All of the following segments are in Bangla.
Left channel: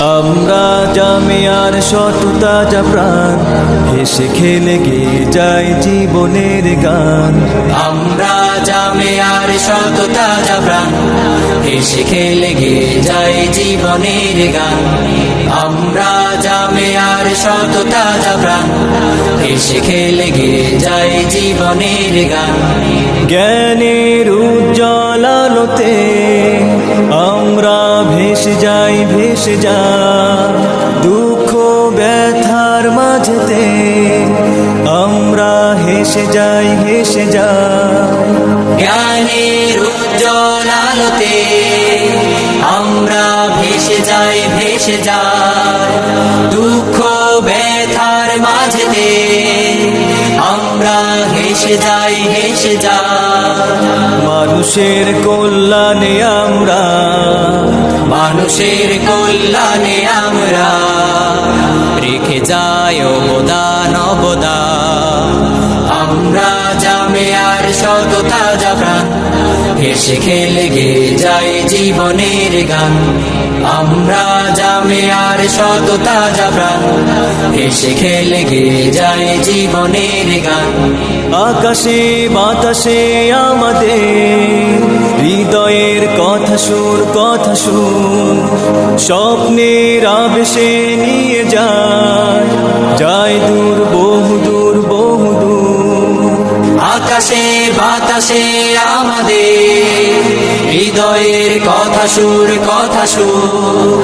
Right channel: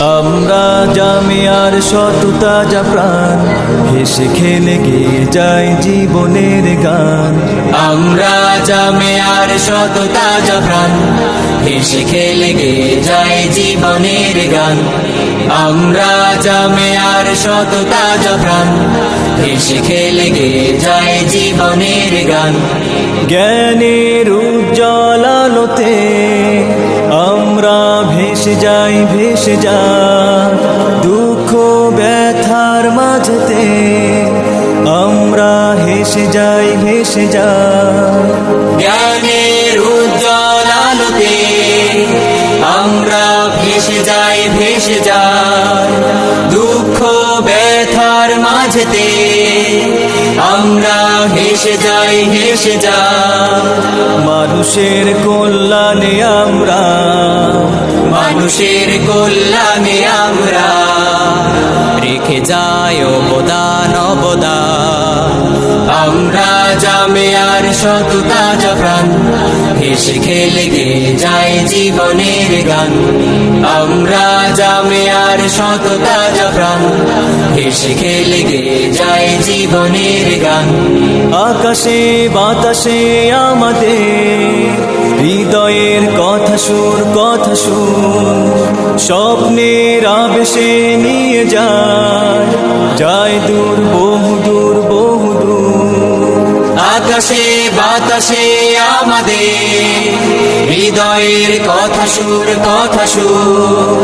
আমরা জামিয়ার শত তাজা প্রাণ, হেসে খেলে গেয়ে যায় জীবনের গান। আমরা জামিয়ার শত তাজা প্রাণ, হেসে খেলে গেয়ে যায় জীবনের গান। আমরা জামিয়ার শত তাজা প্রাণ, হেসে খেলে গেয়ে যায় জীবনের গান। জ্ঞানের উজ্জ্বল আলোতে আমরা ভেসে যাই, ভেসে যাই দুঃখ ব্যথার মাঝেতে আমরা হেসে যাই, হেসে যাই। জ্ঞানের উজ্জ্বল আলোতে আমরা ভেসে যাই, ভেসে যাই দুঃখ ব্যথার মাঝেতে আমরা হেসে যাই, হেসে যাই। মানুষের কল্যাণে আমরা, মানুষের কল্যাণে আমরা রেখে যাই অবদান, অবদান। আমরা জামিয়ার শত তাজা প্রাণ, হেসে খেলে গেয়ে যায় জীবনের গান। আমরা জামিয়ার শত তাজা প্রাণ, হেসে খেলে গেয়ে যায় জীবনের গান। আকাশে বাতাসে আমাদের হৃদয়ের কথা সুর, কথা সুর স্বপ্নের আবেশে নিয়ে যায়, যায় দূর, বহু দূর, বহু দূর। আকাশে বাতাসে আমাদের হৃদয়ের কথা সুর, কথা সুর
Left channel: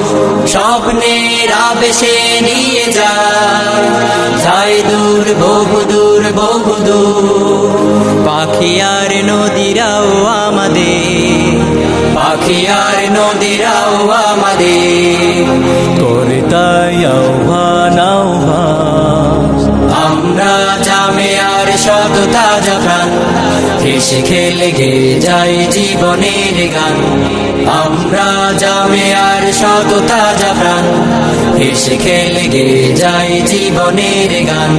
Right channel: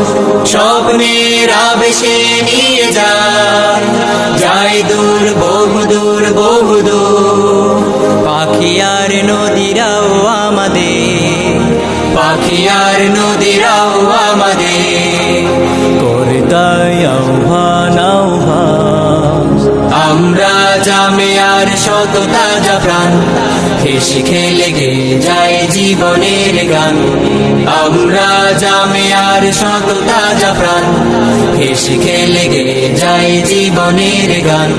স্বপ্নের আবেশে নিয়ে যায়, যায় দূর, বহু দূর, বহু দূর। পাখি আর নদীরাও আমাদের, পাখি আর নদীরাও আমাদের করে তাই আহ্বান, আহ্বান। আমরা জামিয়ার শত তাজা প্রাণ, হেসে খেলে গেয়ে যায় জীবনের গান। আমরা জামিয়ার শত তাজা প্রাণ, হেসে খেলে গেয়ে যায় জীবনের গান।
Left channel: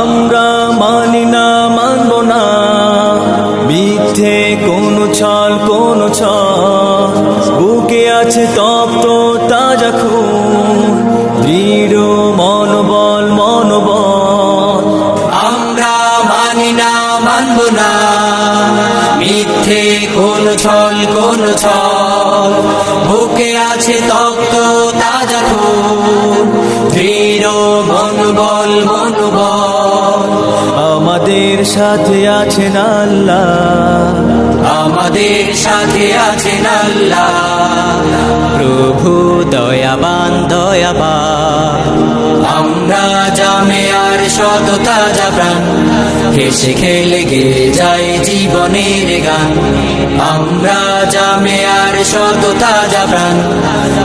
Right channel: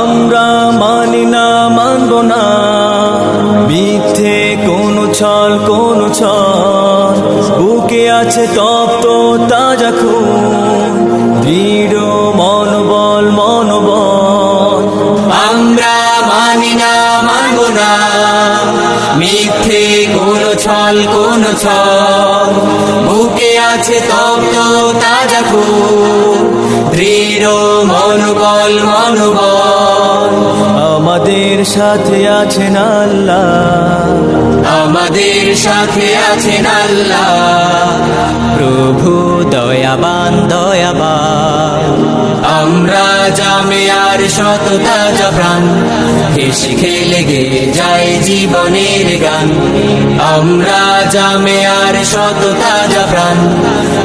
আমরা মানি না, মানব না মিথ্যে কোনো ছল, কোনো ছল। বুকে আছে তপ্ত তাজা খুন, দৃঢ় মনোবল, মনোবল। আমরা মানি না, মানব না মিথ্যে কোন ছল, কোন ছল। বুকে আছে তপ্ত তাজা খুন, দৃঢ় মনোবল, মনোবল। আমাদের সাথে আছেন আল্লাহ, আমাদের সাথে আছেন আল্লাহ। প্রভু দয়াবান, দয়াবান। আমরা জামিয়ার শত তাজা প্রাণ, হেসে খেলে গেয়ে যায় জীবনের গান। আমরা জামিয়ার শত তাজা প্রাণ,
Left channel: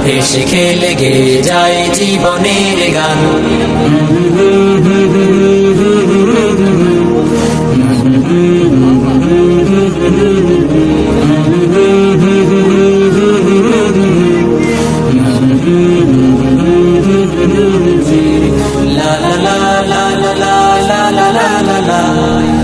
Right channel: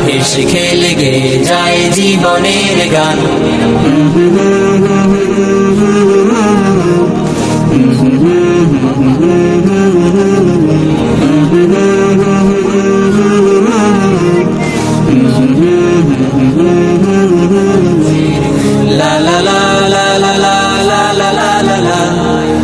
হেসে খেলে গেয়ে যায় জীবনের গান।